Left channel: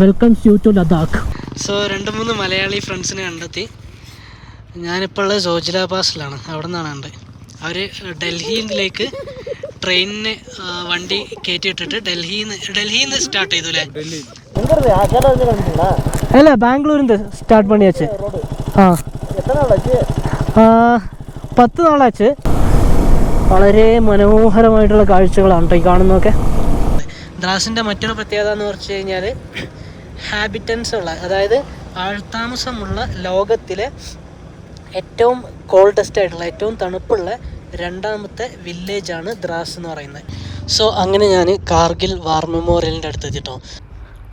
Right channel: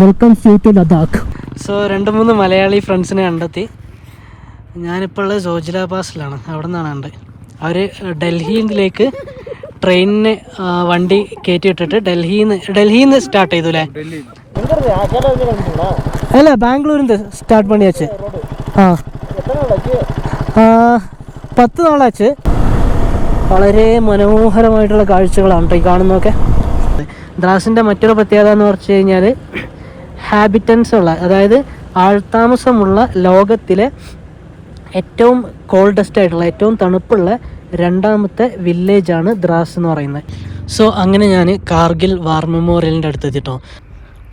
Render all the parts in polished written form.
Welcomes you to Ladakh. So 2-3 Malayali ഫ്രണ്ട്സിനെ കണ്ടെത്തി. ഞാനിപ്പോൾ ഉള്ളത് സോജില പാസിലാണ്. അവിടെ നിന്നാണ് കണ്ടത്. അവർ ഡൽഹിയിലേക്ക് ട്രെയിനിന് വണ്ടി കയറ്റി ഇട്ടിട്ട് ഡൽഹിന്ന് സ്റ്റാർട്ട് ചെയ്തു അല്ലേ? അല്ല, ബാംഗ്ലൂരിന്ന് സ്റ്റാർട്ട് പണിയാച്ച്. 10 നാളാച്ച്. വളരെ മനോഹരമായിട്ടുള്ള കാഴ്ചകളാണ് കേട്ടോ ഈ കാണുന്നതൊക്കെ. ദ്രാസിൻ്റെ മറ്റൊരു പ്രത്യേകത എന്ന് പറഞ്ഞു കഴിഞ്ഞാൽ ഹാബിറ്റൻസ് ഉള്ള, അതായത് ആൾത്താമസമുള്ള ലോകത്തിലെ ഏറ്റവും കോൾഡസ്റ്റ് ആയിട്ടുള്ള, ഏറ്റവും തണുപ്പുള്ള 2ാമത്തെ വില്ലേജാണ് ദ്രാസ് എന്ന് പറയുന്നത്. സോ അങ്ങനെ ഞാൻ കാർഗിൽ വാർ മെമ്മോറിയലിൻ്റെ അടുത്ത് എത്തിട്ടോ.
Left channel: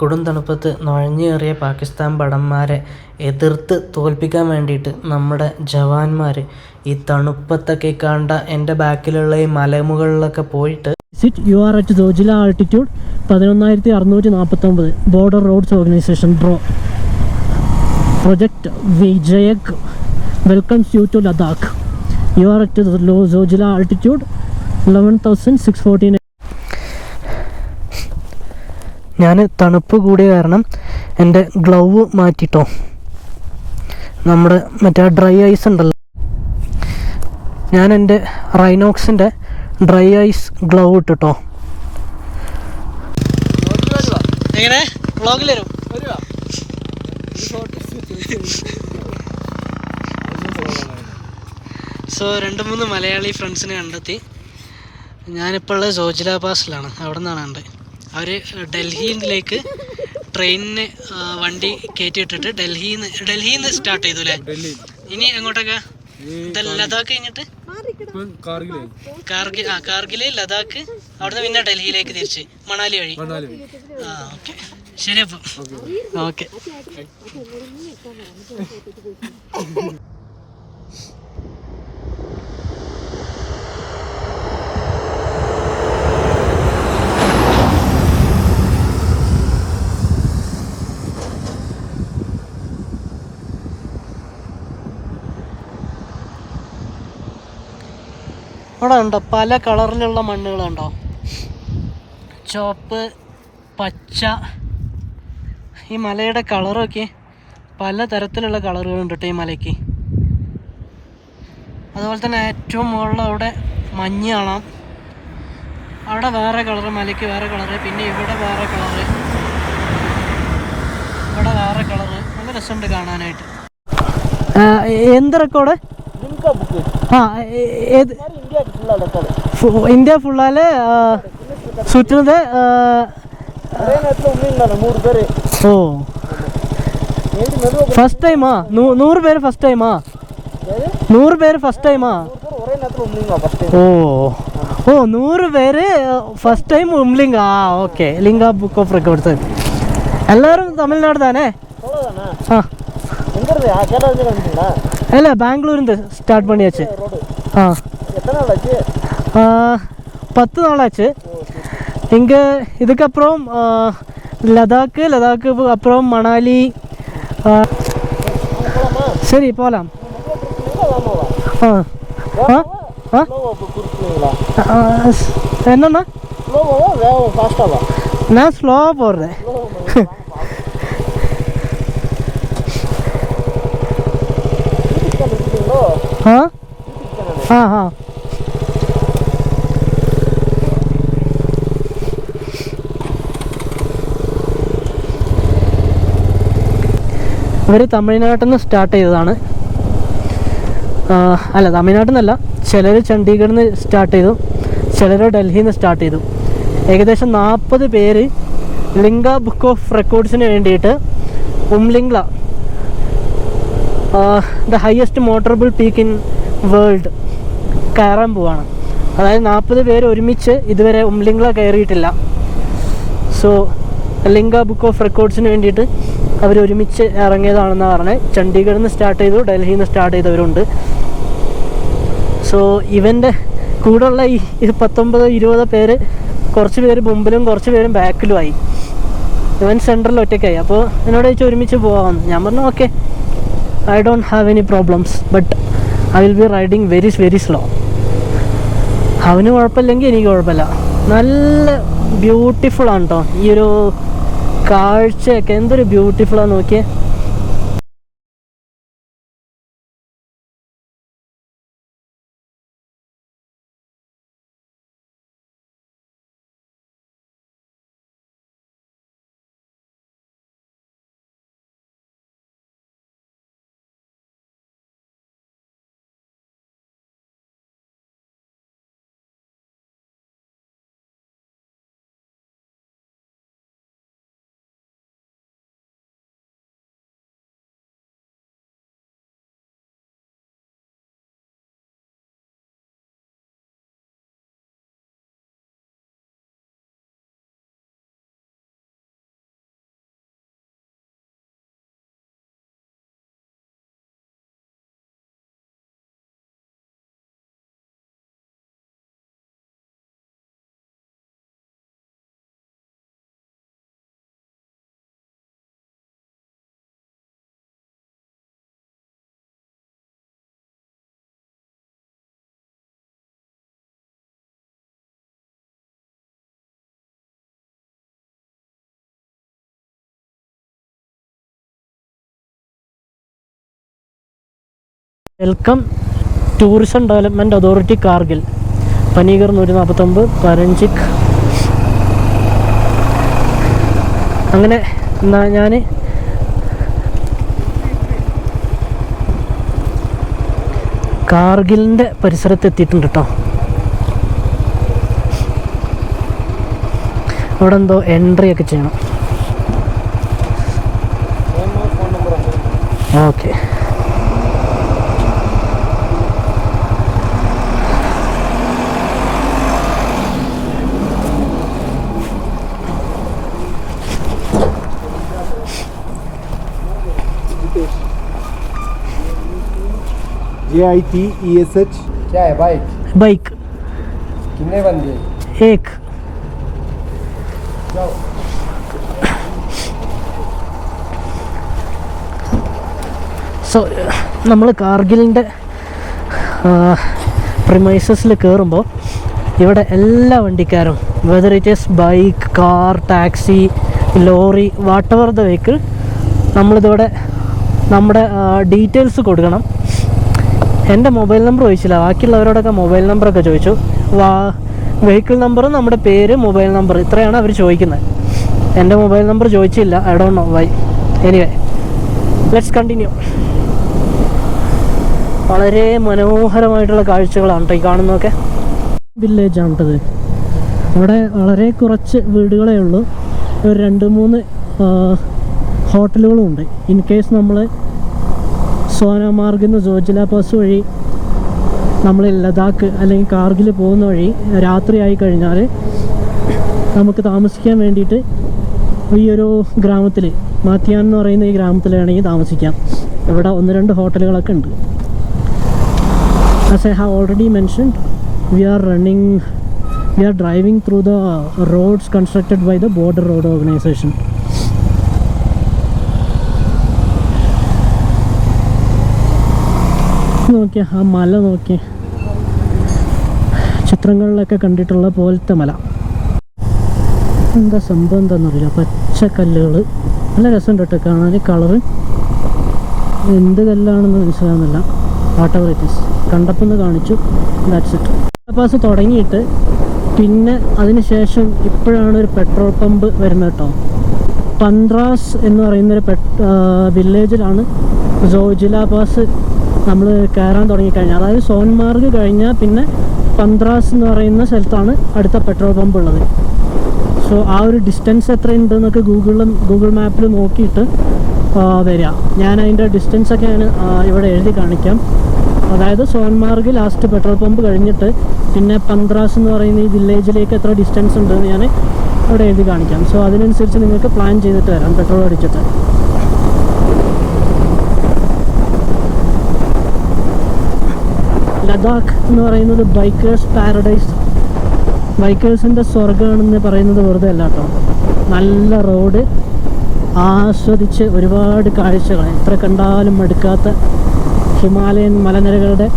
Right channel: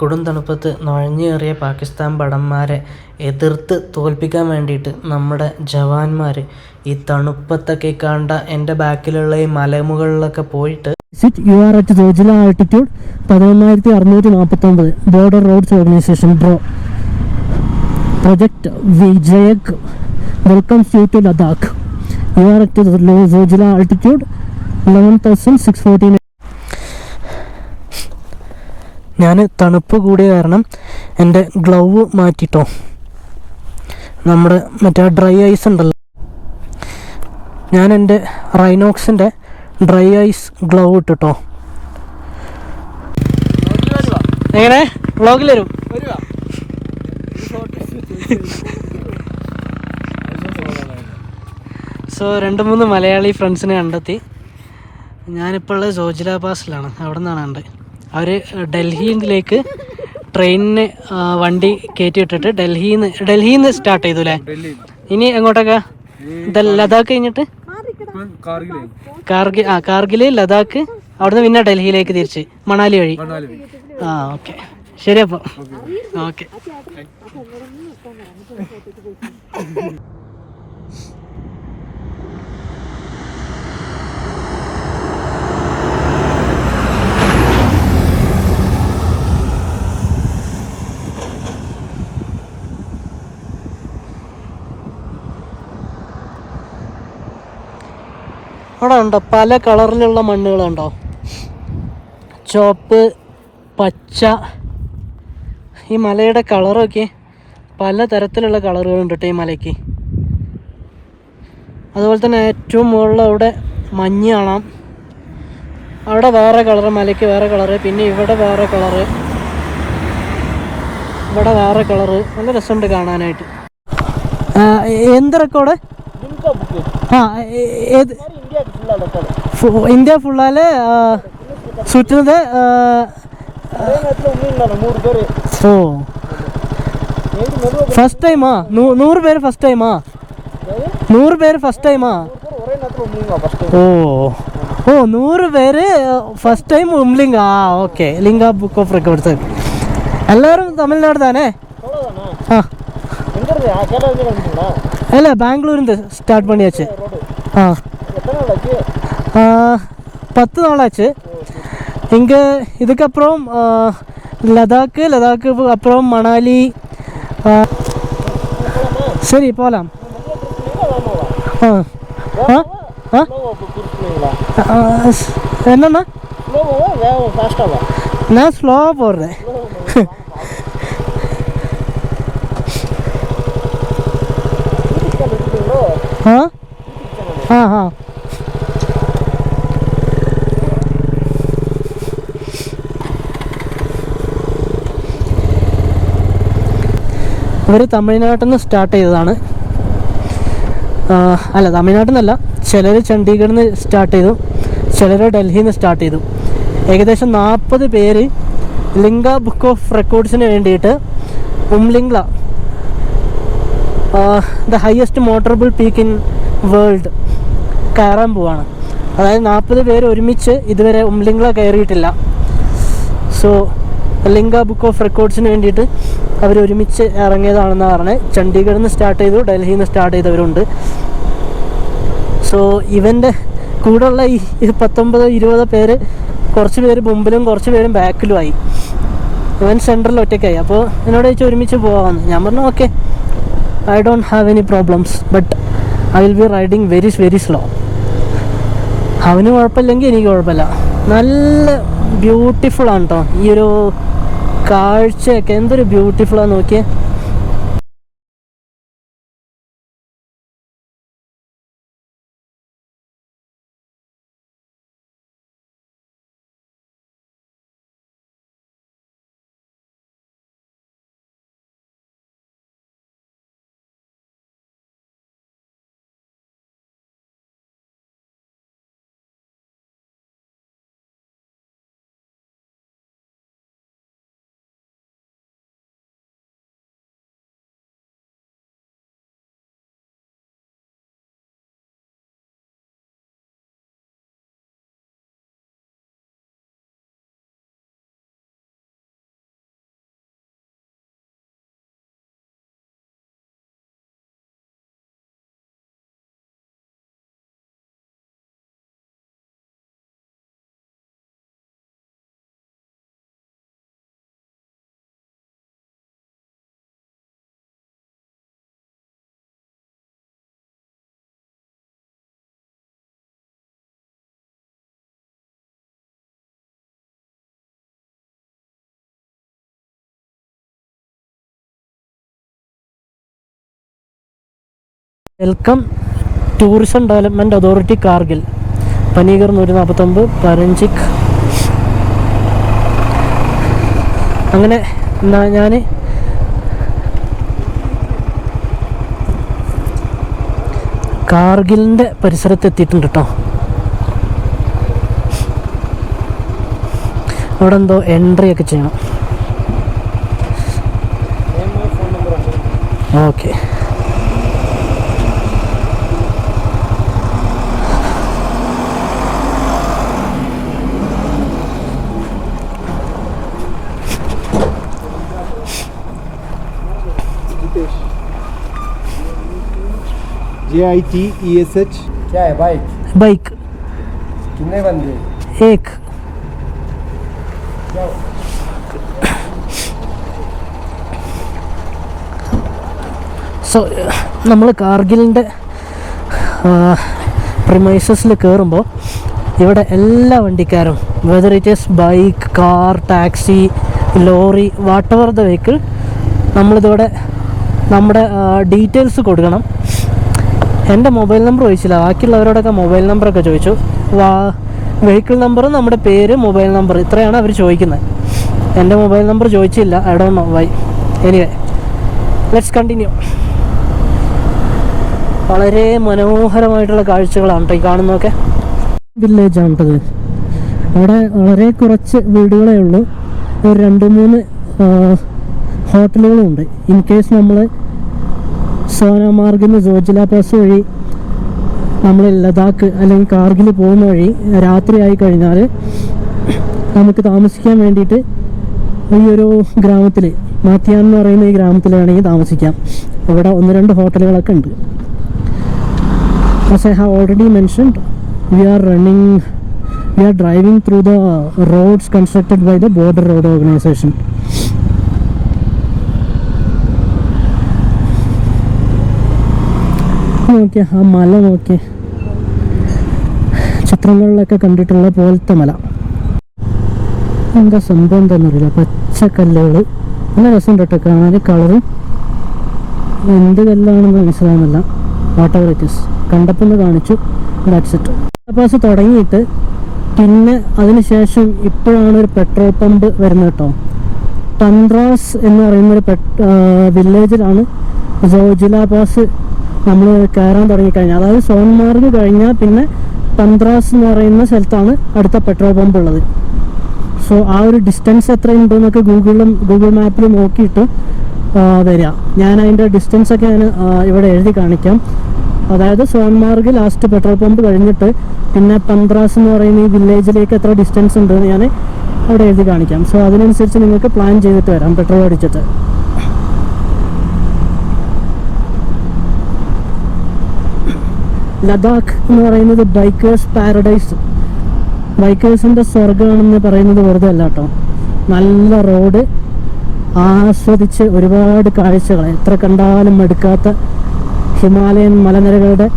കൊടും തണുപ്പത്ത് നുഴഞ്ഞേറിയ പാകിസ്ഥാൻ ഭടന്മാരെ എതിർത്ത് തോൽപ്പിക്കാൻ വേണ്ടിയിട്ട് നമ്മുടെ ജവാന്മാർ ഈ തണുപ്പത്തൊക്കെ കണ്ട എൻ്റെ ബാക്കിലുള്ള ഈ മലമുകളിലൊക്കെ പോയിട്ട് you are at Zojila altitude 11,649 border roads organisation project Vijayak welcomes you to Ladakh. You are at Zojila altitude 11,649. ഞാൻ തണുപ്പ് കൂടിയ കാരണം എൻ്റെ ഗ്ലൗ മാറ്റിട്ടോ. നമ്മുടെ മറ്റേ ഡ്രൈ ഐസ് ഉണ്ടല്ലോ, ഞാൻ എൻ്റെ റൈനോക്സിൻ്റെ ഡ്രൈ ഐസ് ഗ്ലൗ ഇട്ടിട്ടോ. എങ്ങനെ വ്ളോഗിൽ വരും? സോ 2-3 മലയാളി ഫ്രണ്ട്സിനെ കണ്ടെത്തി. ഞാനിപ്പോൾ ഉള്ളത് സോജില പാസിലാണ്. അവിടെ നിന്നാണ് കണ്ടത്. അവർ ഡൽഹിയിലേക്ക് ട്രെയിനിന് വണ്ടി കയറ്റി ഇട്ടിട്ട് ഡൽഹിന്ന് സ്റ്റാർട്ട് ചെയ്തു അല്ലേ? ഇനി എങ്ങോട്ടൊക്കെ? ലഡാക്ക് കഴിഞ്ഞിട്ട് കാർഗില്, ലഡാക്ക്, അവിടുന്ന് പിന്നെ ഡൽഹിയിലേക്ക് തിരിച്ച് മണാലി വഴി. ഓക്കെ, ശരി. അപ്പോൾ ഓക്കെ. അവിടെ ഉണ്ടോ പല കളറിലുള്ള മണ്ണുകളുണ്ടോ? ചുവപ്പ്, പച്ച. ഈ മലയുടെ കളറൊക്കെ പല തരത്തിലുള്ള കളറുകളുണ്ട് കേട്ടോ ഈ മലയ്ക്ക്. അതുപോലെ തന്നെ ഏറ്റവും മുകളിൽ അവിടെ മഞ്ഞ് കാണാം. അവിടെ വേറെ കളറ്, മലയ്ക്ക് വേറെ കളറ്. പിന്നെ ഇവിടെ വേറെ കളറ്, ഇവിടെ വേറെ കളറ്. നല്ല രസമുണ്ട് കാണാനായിട്ട്. എന്ത് റെക്കോർഡ്? ഏത് ഇന്ത്യ ഫുള്ളാല് ചുറ്റുന്നത്? ഓ, ഫസ്റ്റ് ടൈമാ? 100 പേര് ഫസ്റ്റ് ടൈമാ? 100 പേര് ഫസ്റ്റ് ടൈമാ? ഓ 100 പേര് ഫസ്റ്റ് ടൈം ഉംലിംഗ. ഓക്കെ, ലിംഗ ബുക്ക് ഓഫ് റെക്കോർഡ്സ്. എല്ലാവരും തമിഴ്നാട് താനേ? അല്ല, ബാംഗ്ലൂരിന്ന് സ്റ്റാർട്ട് പണിയാച്ച്. 10 നാളാச்சு. இங்கே இதுக்கப்புறம் லடாக்கு அப்புறம் மணாலி. சரி, போகலாம். என்னண்ணா? நான் ஸ்லோவாக போடுறேன். ഇവർ തമിഴ്നാട്ടിൽ നിന്ന് സ്റ്റാർട്ട് ചെയ്തതാണ്. അല്ല, തമിഴ്നാട്ടിൽ നിന്നല്ല. ചിലർ ചണ്ഡീഗഡിൽ നിന്ന് സ്റ്റാർട്ട് ചെയ്തു, ചിലർ ഡൽഹിയിൽ നിന്ന് സ്റ്റാർട്ട് ചെയ്തു. ഏകദേശം 40 പേര് ലിംഗ ബുക്ക് ഓഫ് റെക്കോർഡ്സിന് വേണ്ടിയിട്ട് Umlingla, the highest motorable peak in world, കയറാൻ പോവാണ്. അതായത് 40 പേര് ഒരുമിച്ച് ഇതുവരെ ഉംലിംഗ്ല കയറിയിട്ടില്ല. സോ ലിംഗ ബുക്ക് ഓഫ് റെക്കോർഡ്സിന് വേണ്ടിയിട്ട് അവർ ഒരുമിച്ച് ഇറങ്ങിയതാണെന്ന് പറഞ്ഞത്. ചണ്ഡീഗഡിൽ നിന്ന് സ്റ്റാർട്ട് ചെയ്തു, ഡൽഹിയിൽ നിന്ന് സ്റ്റാർട്ട് ചെയ്തവരുണ്ട്. സോ ഇവൻ്റെ കൂടെയുള്ള ഈ 19-20 പേര്, കുറച്ച് പേര് മുമ്പിലും കുറച്ച് പേരും ബാക്കിലുമായി. ഇവൻ സെൻട്രൽ ഒറ്റയ്ക്കായി. അപ്പോൾ എന്നോട് ചോദിച്ചാൽ ഒരുമിച്ച് പോകാമെന്ന്. ഞാൻ പറഞ്ഞു okay, I don't have any problems, but I will be riding very slow. അവന് കുഴപ്പമില്ലെങ്കിൽ എനിക്ക് കുഴപ്പമില്ല. നല്ല ബ്യൂട്ടിഫുൾ ആണ് കേട്ടോ ഈ ഒരു കാഴ്ചയൊക്കെ എന്തൊരു ബ്യൂട്ടിഫുള്ളാ നോക്കിയേ. Welcome tourism development authority Kargil, Panikhar 149, പരഞ്ചിക്. അങ്ങനെ ഞാൻ കാർഗിലിൻ്റെ പരിസരത്ത് എത്തിയിട്ടുണ്ട് കേട്ടോ. അവിടെ എന്തോ എൻട്രി ഒക്കെ ചെയ്യണം. ഓക്കെ, JITESH क्या है? बाइक बाइक कितने बंदे? एक. സോ നമ്മൾ കാർഗിലിൻ്റെ പ്രിമൈസസിൽ കയറുമ്പോൾ ഇവിടെ എല്ലാ വണ്ടിക്കാരും, whether it is bike, car, taxi, lorry, whatever the vehicle, നമ്മളിതോടെ നമ്മുടെ ഡീറ്റെയിൽസ് കൊടുക്കണം. എൻ്റെ മൊബൈൽ നമ്പർ ചോദിച്ചില്ല, ബാക്കിയുള്ളവരോടൊക്കെ മൊബൈൽ നമ്പറൊക്കെ ചോദിച്ചു. വെഹിക്കിൾ നമ്പറും നമ്മുടെ പേര്, മൊബൈൽ നമ്പർ, ഇത്രയാണ് അവർ ചോദിക്കുന്നത്. എൻ്റെ മൊബൈൽ നമ്പർ ചോദിച്ചില്ല. I don't know why. Anyway, let's continue. വളരെ മനോഹരമായിട്ടുള്ള കാഴ്ചകളാണ് കേട്ടോ ഈ കാണുന്നതൊക്കെ. വില്ലേജാണ് കേട്ടത്. അവിടെ വളരെ കുറച്ച് വീടുകളേ ഉള്ളൂ. ഒരു 2-3 ഹോട്ടലുകളും ഉണ്ട്. ഇൻ കേസ് നമ്മൾ സോനാമാർഗിൽ നിന്ന് ജോജില പാസ് വഴി നമ്മൾ ലഡാക്ക് അല്ലെങ്കിൽ കാർഗിൽ പോകുന്ന വഴി രാത്രി ആയി കഴിഞ്ഞാൽ നമുക്ക് താമസിക്കാൻ വേണ്ടിയിട്ട് ഈ ഒരു ഗ്രാമത്തിൽ, മാത്തിയാൻ എന്ന് പറയുന്ന ഈ ഗ്രാമത്തിൽ വേണമെങ്കിൽ താമസിക്കാം. ഇവിടെ 1-2 ഹോട്ടലുകളൊക്കെ ഉണ്ട്. As I have already mentioned, we are driving through the roads constructed by the Border Road Organization. നോക്കിയ ആ മല നോക്കി, ചിത്രങ്ങളിലൊക്കെ കണ്ടിട്ടുള്ള പോലത്തെ മല. എന്താ സംഭവം എന്താണെന്നറിയില്ല. പച്ചക്കല്ലുകൾ, നല്ല രസമുണ്ട് കേട്ടോ കാണാൻ. കളറ് എന്ത് കല്ലാണെന്ന് മനസ്സിലാകുന്നില്ല. വാട്ട് എവർ ഇറ്റ് ഈസ്, കണ്ടപ്പോൾ കാണിച്ചു. That's it. പാസ് തുടങ്ങിയിട്ട് പിന്നെ അതിനുശേഷം ഇപ്പോഴാണ് ഒരു പെട്രോൾ പമ്പ് വരുന്നത് കേട്ടോ. പന്ത്രാസ് എന്ന് പറയുന്നൊരു വില്ലേജിലാണ് ജോജില പാസ് നമ്മൾ കയറാൻ തുടങ്ങിക്കഴിഞ്ഞാൽ, അതായത് സോൻമാർഗ് കഴിഞ്ഞാൽ പിന്നെ പന്ത്രാസ് എന്ന് പറയുന്ന സ്ഥലത്താണ് അടുത്ത പെട്രോൾ പമ്പ് ഉള്ളത്. സോ ആ ഒരു ഡിസ്റ്റൻസ് എത്രയുണ്ടെന്നൊക്കെ ഗൂഗിൾ മാപ്പിൽ നോക്കിയിട്ട് വരിക. ഞാൻ അതിൻ്റെ ഡിസ്റ്റൻസൊക്കെ ഞാൻ ഇവിടെ എഴുതി കാണിക്കാം. അതായത് സോൻമാർഗ് ലാസ്റ്റ് പെട്രോൾ പമ്പ് കഴിഞ്ഞിട്ട് പിന്നെ പന്ത്രാസ് എന്ന് പറയുന്ന ഈ വില്ലേജിലേക്ക് എത്ര ഡിസ്റ്റൻസ് ഉണ്ടെന്ന് ഞാൻ അവിടെ എഴുതി കാണിക്കാം. സോ അതിനനുസരിച്ച് നിങ്ങൾക്ക് പ്ലാൻ ചെയ്തിട്ട് വരാം പെട്രോൾ അടിച്ചിട്ട്. ലഡാക്ക് എന്ന് പറയുന്നത് ബൈക്കേഴ്സ് പാരഡൈസ്, ബൈക്കേഴ്സിൻ്റെ സ്വർഗമാണെന്ന് പറയുന്നത് വെറുതെ അല്ല കേട്ടോ. നല്ല റോഡ്, ആസ്വദിച്ച് ഒരുപാട് കാഴ്ചകൾ, എത്ര കണ്ടാലും മടുക്കാത്ത ഹിമാലയൻ മലനിരകളുടെ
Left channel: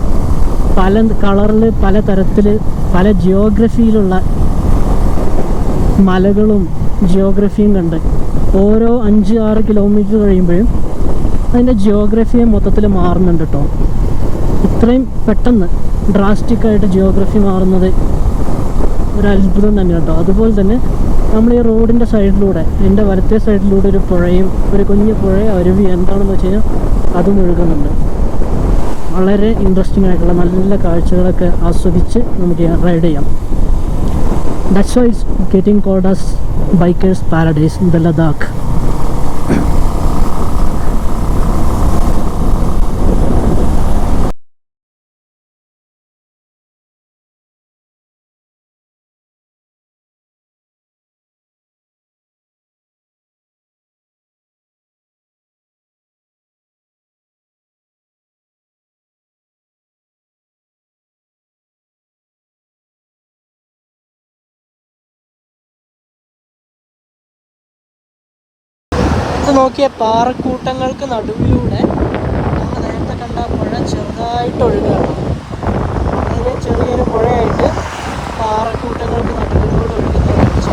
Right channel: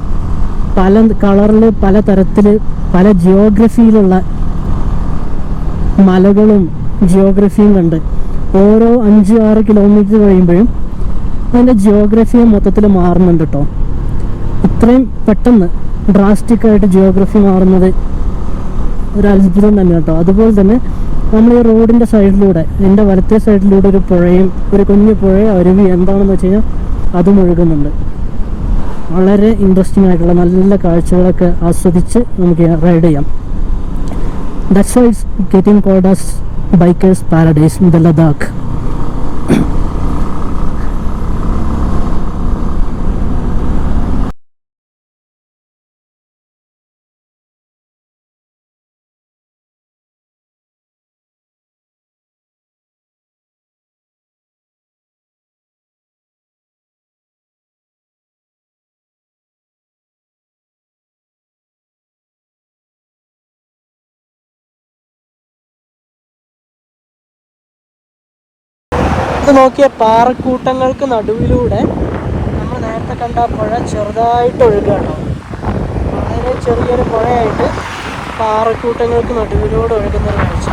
പല കളറിൽ, പല തരത്തിൽ, പല ജിയോഗ്രഫിയിലുള്ള മലകളും ജിയോഗ്രഫിയും കണ്ട് ഓരോ 5-6 കിലോമീറ്റർ കഴിയുമ്പോഴും അതിൻ്റെ ജിയോഗ്രഫിയെ മൊത്തത്തിൽ മാറുന്നുണ്ട് കേട്ടോ. ഇത്രയും പെട്ടെന്ന് ഡ്രാസ്റ്റിക്കായിട്ട് ജിയോഗ്രഫി മാറുന്നത് ഒരു അത്ഭുതം തന്നെ കേട്ടോ. അതുപോലെ തന്നെ നമ്മൾ ഈ റോഡിൻ്റെ സൈഡിലൂടെ, എൻ്റെ വലത്തെ സൈഡിലൂടെ ഒരു പുഴയും, ഒരു കുഞ്ഞു പുഴയോ അരുവി എന്താണെന്ന് വെച്ച് കഴിഞ്ഞാൽ അതും ഒഴുകുന്നുണ്ട്. വളരെ ഇൻട്രസ്റ്റിംഗ് ആയിട്ടുള്ള നല്ല കാഴ്ചകളൊക്കെ ആസ്വദിച്ച് നമുക്ക് റൈഡ് ചെയ്യാം. That's why it's getting cold as bikers paradise in the Ladakh. ഇത് നോക്കിയ പാറക്കൂട്ടങ്ങൾക്ക് നടുവിലൂടെ നമ്മൾ നേരത്തെ കണ്ട പുഴ ചെറുതായിട്ട് ഒഴുകുകയാണ്. വളരെ ചെറിയൊരു പുഴയായിട്ട് പാറക്കൂട്ടങ്ങൾക്ക് നടുവിലൂടെ ഒഴുകുന്ന കാഴ്ച.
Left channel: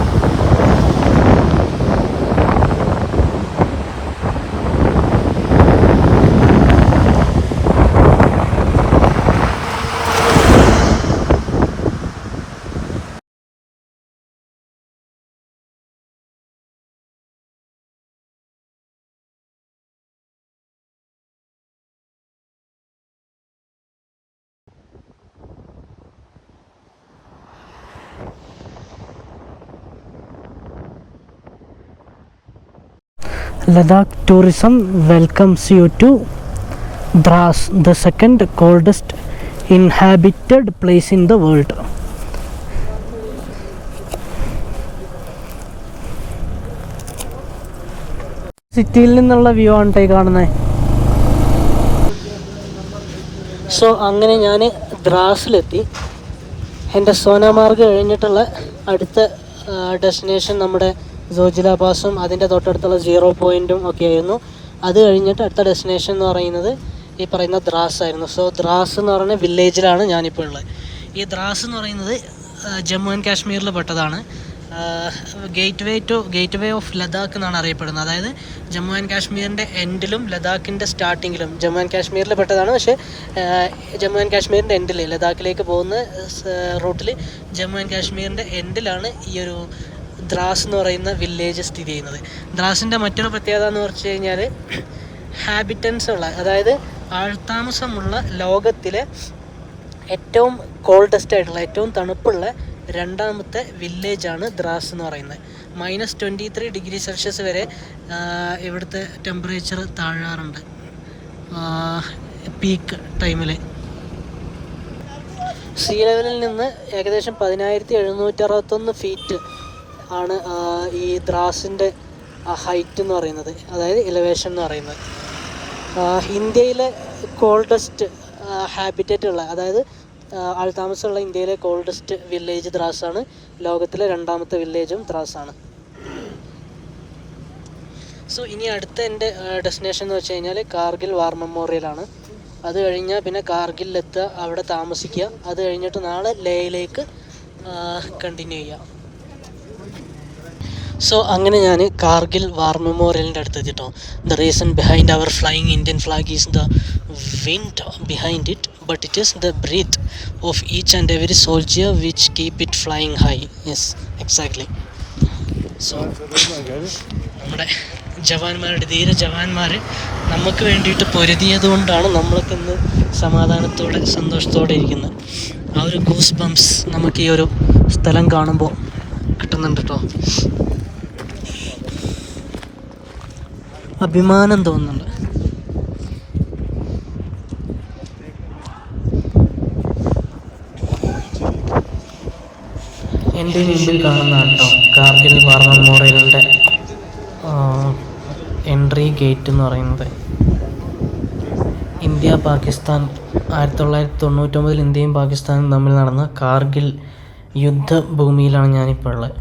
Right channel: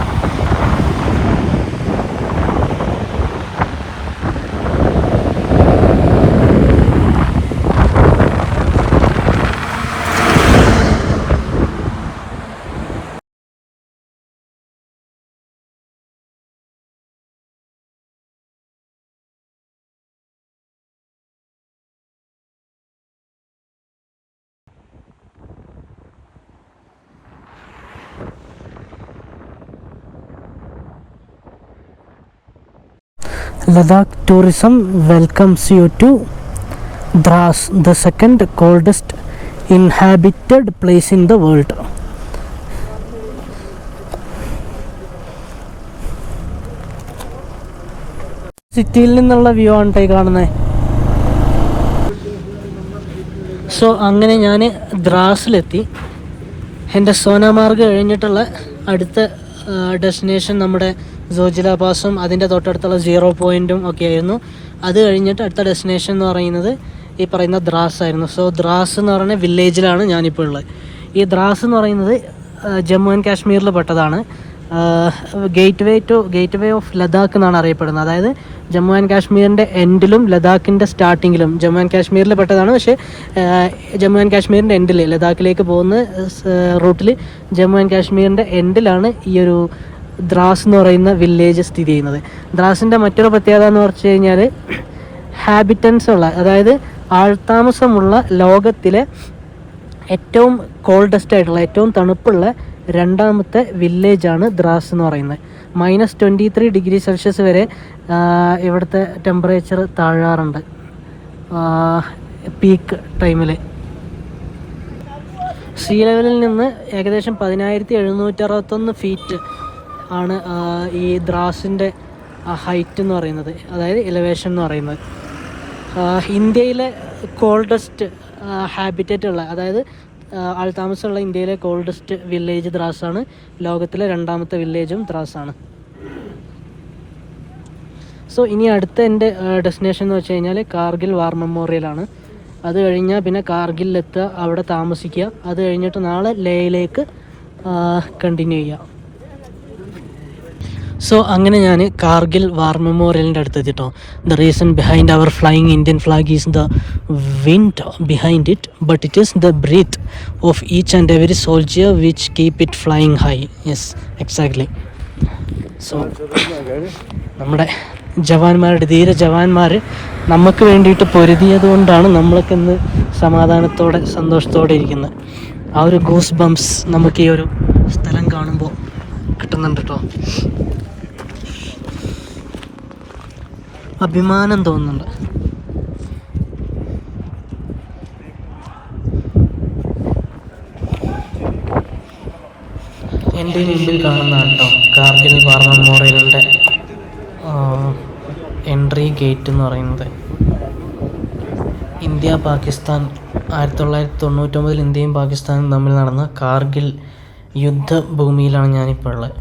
Ladakh tourism welcomes you to Dras, the second coldest inhabited place in the world. സിറ്റിയിൽ നിന്നുള്ള വ്യൂ ആണ് ഈ കാണുന്നത്. സോ അങ്ങനെ ഞാൻ ദ്രാസിലെത്തി. എൻ്റെ സോനാമാർഗ് കഴിഞ്ഞിട്ടുള്ള അടുത്ത ഡെസ്റ്റിനേഷൻ നമ്മുടെ സോജില പാസും അതിൻ്റെ തൊട്ടടുത്തുള്ള 0 പോയിൻറ്റും ഒക്കെ ആയിരുന്നു. അത് കഴിഞ്ഞിട്ട് അടുത്ത ഡെസ്റ്റിനേഷൻ എന്ന് പറയുന്നത് ഈ പറയുന്ന ദ്രാസ് ആയിരുന്നു. സോ ദ്രാസ് എന്ന് പറയുന്ന വില്ലേജിലാണ് ഞാനിപ്പോൾ ഉള്ളത്. ഈ ദ്രാസ് എന്ന് പറയുന്നത് ജമ്മു ആൻഡ് കാശ്മീരിൽ പെട്ടതാണ്. ഗേറ്റ് വേ ഓഫ് ലഡാക്ക് എന്നാണ് അറിയപ്പെടുന്നത്. അതായത് ജമ്മു ആൻഡ് കാശ്മീരിൻ്റെ എൻഡിലും ലഡാക്കിൻ്റെ സ്റ്റാർട്ടിങ്ങിലും ജമ്മു ആൻഡ് കാശ്മീരിൽ പെട്ടതാണ്. പക്ഷേ ജമ്മു ആൻഡ് കാശ്മീരിൻ്റെ എൻഡിൽ ലഡാക്കിലേക്ക് പോകുന്ന റൂട്ടിൽ ജമ്മു ആൻഡ് കാശ്മീരിൻ്റെ എൻഡിലാണ് ഈ ഒരു ദ്രാസ് എന്ന് പറയുന്ന വില്ലേജ് സ്ഥിതി ചെയ്യുന്നത്. ദ്രാസിൻ്റെ മറ്റൊരു പ്രത്യേകത എന്ന് പറഞ്ഞു കഴിഞ്ഞാൽ ഹാബിറ്റൻസ് ഉള്ള, അതായത് ആൾത്താമസമുള്ള ലോകത്തിലെ ഏറ്റവും കോൾഡസ്റ്റ് ആയിട്ടുള്ള, ഏറ്റവും തണുപ്പുള്ള രണ്ടാമത്തെ വില്ലേജാണ് ദ്രാസ് എന്ന് പറയുന്നത്. -23 ഡിഗ്രി സെൽഷ്യസ് വരെ ഇവിടുത്തെ ടെമ്പറേച്ചർ താഴാറുണ്ട് പീക്ക് ടൈമിൽ. സീ ലെവലിൽ നിന്ന് ഏകദേശം 10,761 ഫീറ്റ് ആണ് ഈ ദ്രാസിൻ്റെ ഹൈറ്റ് എന്ന് പറയുന്നത്, അതായത് എലിവേഷൻ എന്ന് പറയുന്നത്. ഇന്ത്യയിലെ കോൾഡസ്റ്റ് ഹാബിറ്ററ്റ് ഉള്ള, അതായത് ആൾതാമസമുള്ള ഇന്ത്യയിലെ കോൾഡസ്റ്റ് വില്ലേജ് ദ്രാസാണ്. ലോകത്തിലെ രണ്ടാമത്തെ വില്ലേജും ദ്രാസാണ്. സോ ഇനി അടുത്ത എൻ്റെ ഡെസ്റ്റിനേഷൻ എന്ന് വെച്ച് കഴിഞ്ഞാൽ കാർഗിൽ വാർ മെമ്മോറിയലാണ്. അത് കഴിഞ്ഞാൽ പിന്നെ കാർഗിലെത്തുക, അവിടെ താമസിക്കുക. അത് കഴിഞ്ഞിട്ട് നാളെ ലേയിലേക്ക് കണ്ടിന്യൂ ചെയ്യുക. സോ അങ്ങനെ ഞാൻ കാർഗിൽ വാർ മെമ്മോറിയലിൻ്റെ അടുത്തെത്തിട്ടോ. The reason behind our flying Indian flag is the wind behind it, but it is the breath of each and every soldier which keep it flying high. Yes, exactly. So നമ്മുടെ ജവാന്മാരുടെ, ധീര ജവാന്മാർ നമുക്ക് വേണ്ടിയിട്ട് പൊരുതിയത് കൊണ്ടാണ് നമ്മളൊക്കെ ഇന്ന് സമാധാനത്തോടെ സന്തോഷത്തോടെ ഇരിക്കുന്നത്. ആ ഒരു ഗൂസ് ബംസ് നമുക്ക് ഈ ഒരു സ്ഥലം കാണുമ്പോൾ കിട്ടുന്നുണ്ട് കേട്ടോ. അഭിമാനം തോന്നുന്നുണ്ട്. എൻ്റെ മുമ്പിൽ കാണുന്ന കേട്ടോ കാർഗിൽ വാർ മെമ്മോറിയലിൻ്റെ എൻട്രി ഗേറ്റ് എന്ന് പറയുന്നത്. ഇന്ത്യ പാകിസ്ഥാൻ 1999 ഇന്ത്യയും പാകിസ്ഥാനും തമ്മിൽ നടന്ന കാർഗിൽ യുദ്ധഭൂമിയിലാണ് ഞാനിപ്പോൾ ഉള്ളത്.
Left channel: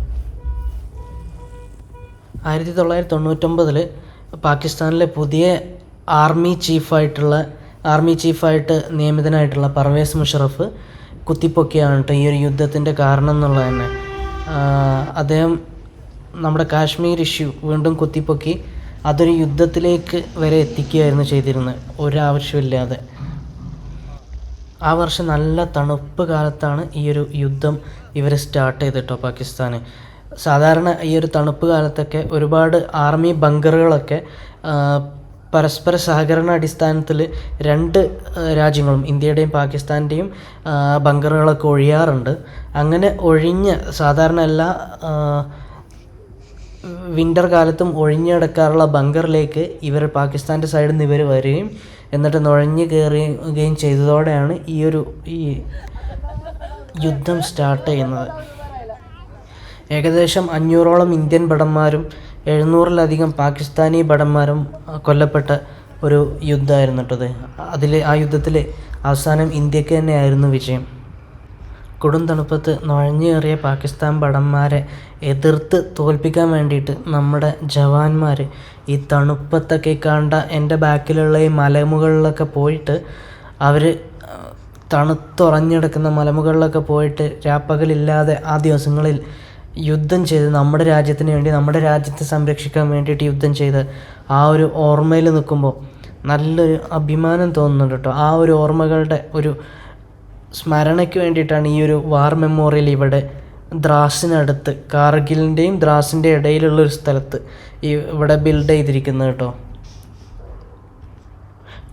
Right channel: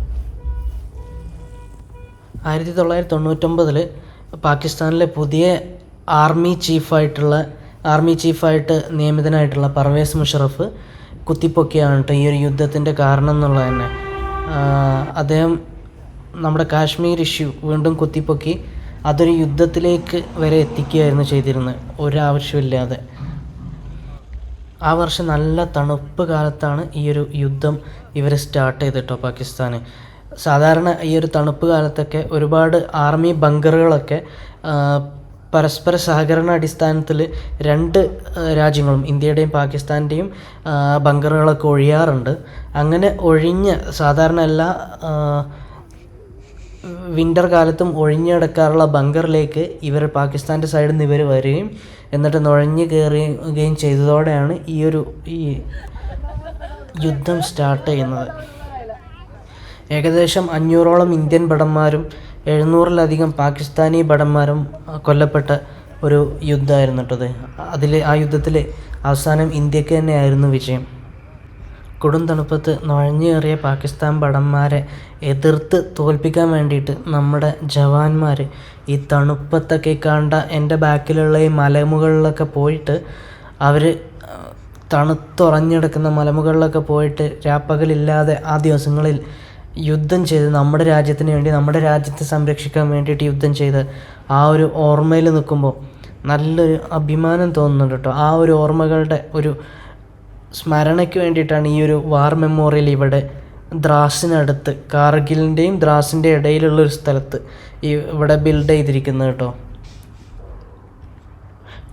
1999 പാകിസ്ഥാനിലെ പുതിയ ആർമി ചീഫായിട്ട് നിയമിതനായിട്ടുള്ള പർവേസ് മുഷറഫ് കുത്തിപ്പൊക്കിയാണ് കേട്ടോ ഈ ഒരു യുദ്ധത്തിൻ്റെ കാരണം എന്നുള്ളത് തന്നെ. അദ്ദേഹം നമ്മുടെ കാശ്മീർ ഇഷ്യൂ വീണ്ടും കുത്തിപ്പൊക്കി അതൊരു യുദ്ധത്തിലേക്ക് വരെ എത്തിക്കുകയായിരുന്നു ചെയ്തിരുന്നത്, ഒരാവശ്യമില്ലാതെ. ആ വർഷം നല്ല തണുപ്പ് കാലത്താണ് ഈ ഒരു യുദ്ധം ഇവർ സ്റ്റാർട്ട് ചെയ്തിട്ടോ പാകിസ്ഥാൻ. സാധാരണ ഈ ഒരു തണുപ്പ് കാലത്തൊക്കെ ഒരുപാട് ആർമി ബങ്കറുകളൊക്കെ പരസ്പര സഹകരണ അടിസ്ഥാനത്തിൽ രണ്ട് രാജ്യങ്ങളും ഇന്ത്യയുടെയും പാകിസ്ഥാൻ്റെയും ബങ്കറുകളൊക്കെ ഒഴിയാറുണ്ട്. അങ്ങനെ ഒഴിഞ്ഞ സാധാരണ എല്ലാ വിൻ്റർ കാലത്തും ഒഴിഞ്ഞു കിടക്കാറുള്ള ബങ്കറിലേക്ക് ഇവർ പാകിസ്ഥാൻ്റെ സൈഡിൽ നിന്ന് ഇവർ വരികയും എന്നിട്ട് നുഴഞ്ഞു കയറുകയും ചെയ്തതോടെയാണ് ഈ യുദ്ധം സ്റ്റാർട്ട് ചെയ്യുന്നത്. ഏകദേശം 500ഓളം ഇന്ത്യൻ ഭടന്മാരും 700-ലധികം പാകിസ്ഥാനി ഭടന്മാരും കൊല്ലപ്പെട്ട ഒരു യുദ്ധമായിരുന്നു കേട്ടത്. ആ യുദ്ധത്തിൽ അവസാനം ഇന്ത്യക്ക് തന്നെയായിരുന്നു വിജയം. കൊടും തണുപ്പത്ത് നുഴഞ്ഞു കയറിയ പാകിസ്ഥാൻ ഭടന്മാരെ എതിർത്ത് തോൽപ്പിക്കാൻ വേണ്ടിയിട്ട് നമ്മുടെ ജവാന്മാർ ഈ തണുപ്പത്തൊക്കെ കണ്ട എൻ്റെ ബാക്കിലുള്ള ഈ മലമുകളിലൊക്കെ പോയിട്ട് അവർ തണുത്തുറഞ്ഞെടുക്കുന്ന മലമുകളിലൊക്കെ പോയിട്ട് രാപ്പകലില്ലാതെ ആ ദിവസങ്ങളിൽ യുദ്ധം ചെയ്ത് നമ്മുടെ രാജ്യത്തിന് വേണ്ടി, നമ്മുടെ രാജ്യത്തെ സംരക്ഷിക്കാൻ വേണ്ടിയിട്ട് യുദ്ധം ചെയ്ത് ആ ഒരു ഓർമ്മയിൽ നിൽക്കുമ്പോൾ നല്ലൊരു അഭിമാനം തോന്നുന്നുണ്ട് കേട്ടോ. ആ ഒരു ഓർമ്മകളുടെ ഒരു സ്മരണയ്ക്ക് വേണ്ടിയിട്ടാണ് ഈ ഒരു വാർ മെമ്മോറിയൽ ഇവിടെ ദ്രാസിനടുത്ത്, കാർഗിലിൻ്റെയും ദ്രാസിൻ്റെ ഇടയിലുള്ളൊരു സ്ഥലത്ത് ഇവിടെ ബിൽഡ് ചെയ്തിരിക്കുന്നത് കേട്ടോ.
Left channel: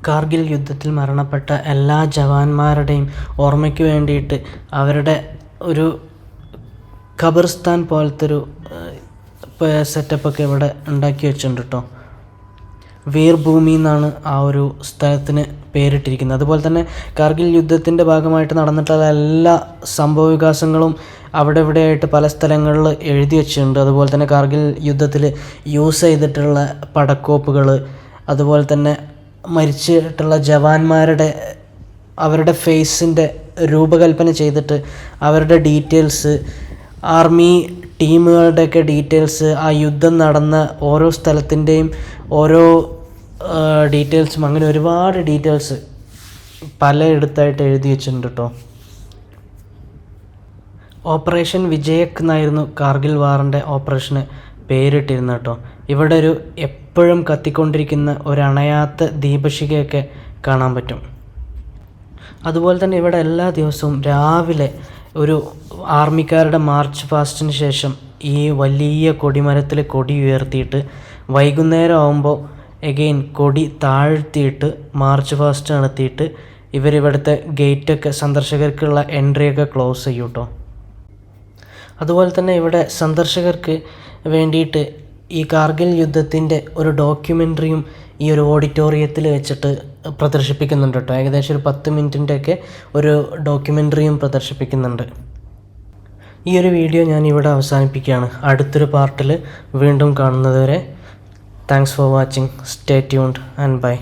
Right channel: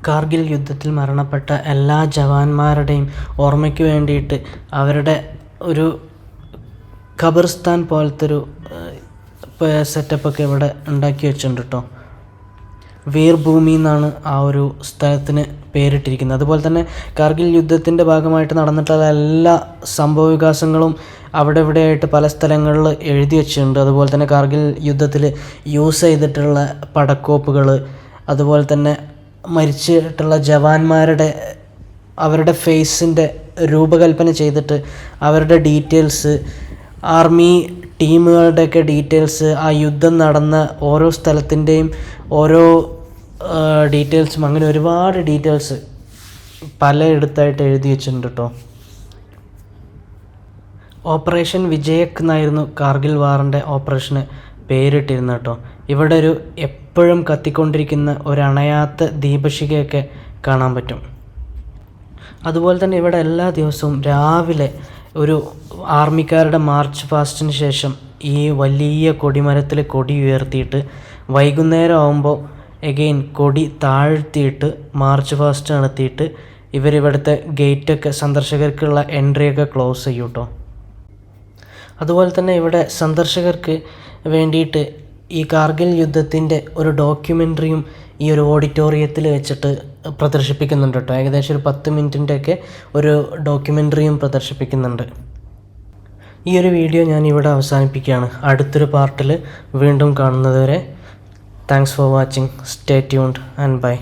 കാർഗിൽ യുദ്ധത്തിൽ മരണപ്പെട്ട എല്ലാ ജവാന്മാരുടെയും ഓർമ്മയ്ക്ക് വേണ്ടിയിട്ട് അവരുടെ ഒരു ഖബർസ്ഥാൻ പോലത്തെ ഒരു സെറ്റപ്പൊക്കെ ഇവിടെ ഉണ്ടാക്കി വെച്ചിട്ടുണ്ട് കേട്ടോ. വീർഭൂമി എന്നാണ് ആ ഒരു സ്ഥലത്തിന് പേരിട്ടിരിക്കുന്നത്. അതുപോലെ തന്നെ കാർഗിൽ യുദ്ധത്തിൻ്റെ ഭാഗമായിട്ട് നടന്നിട്ടുള്ള എല്ലാ സംഭവ വികാസങ്ങളും അവിടെ ഇവിടെയായിട്ട് പല സ്ഥലങ്ങളിൽ എഴുതി വെച്ചിട്ടുണ്ട്. അതുപോലെ തന്നെ കാർഗിൽ യുദ്ധത്തിൽ യൂസ് ചെയ്തിട്ടുള്ള പടക്കോപ്പുകൾ, അതുപോലെ തന്നെ മരിച്ചിട്ടുള്ള ജവാന്മാരുടെ അവരുടെ ഫേസിൻ്റെ രൂപകൽപ്പന ചെയ്തിട്ട് അവരുടെ ഡീറ്റെയിൽസ്, ആർമി ടീമുകളുടെയൊക്കെ ഡീറ്റെയിൽസ്, ആ യുദ്ധം നടന്ന ഓരോ സ്ഥലത്തിൻ്റെയും ഓരോ ഡീറ്റെയിൽസും, അങ്ങനെ ഒരുപാട് ഡീറ്റെയിൽസ് പലയിടത്തായിട്ട് എഴുതി വെച്ചിട്ടുണ്ട് കേട്ടോ. ഓപ്പറേഷൻ വിജയക് എന്നായിരുന്നു കാർഗിൽ വാറിൻ്റെ ഓപ്പറേഷന് പേരിട്ടിരുന്നത് കേട്ടോ. ഇവിടെ ഒരു എപ്പോഴും കത്തിക്കൊണ്ടിരിക്കുന്ന ഒരണയാത്ത ദീപശിഖയൊക്കെ കാണാൻ പറ്റും. അതുപോലെ തന്നെ ഇവിടെ എല്ലാ ദിവസവും രാവിലെ ഒരു ആർമിക്കാരുടെ മാർച്ച് പാസ്റ്റിന് ശേഷം ഈ വലിയ കൊടിമരത്തിൽ കൊടി ഉയർത്തിയിട്ട് വൈകുന്നേരം ആകുമ്പോൾ എഗെയിൻ കൊടി താഴ്ത്തിയിട്ട് മാർച്ച് പാസ്റ്റ് നടത്തിയിട്ട് ഇവരിവിടുത്തെ ഗേറ്റൊക്കെ, സന്ദർശകർക്കുള്ള എൻട്രിയൊക്കെ ക്ലോസ് ചെയ്യും കേട്ടോ. അതുപോലെ തന്നെ ഇവിടെ സന്ദർശകർക്ക് വേണ്ടിയിട്ട് ഈ കാർഗിൽ യുദ്ധത്തിൻ്റെ ഒരു ഡോക്യുമെൻ്ററിയും ഈ ഒരു ഓഡിറ്റോറിയത്തിൽ വെച്ചിട്ട് പ്രദർശിപ്പിക്കുന്നുണ്ട് കേട്ടോ. ഏകദേശം ഒരു 10 മിനിറ്റിൻ്റെയൊക്കെ ഒരു ഡോക്യുമെൻ്ററിയും പ്രദർശിപ്പിക്കുന്നുണ്ട്. ഈ ഒരു വീഡിയോ ഞാൻ ഇവിടെ അവസാനിപ്പിക്കുകയാണ്. അടുത്തൊരു പാർട്ടിൽ വീണ്ടും കാണുന്നത് വരെ thanks for watching. Stay tuned and by.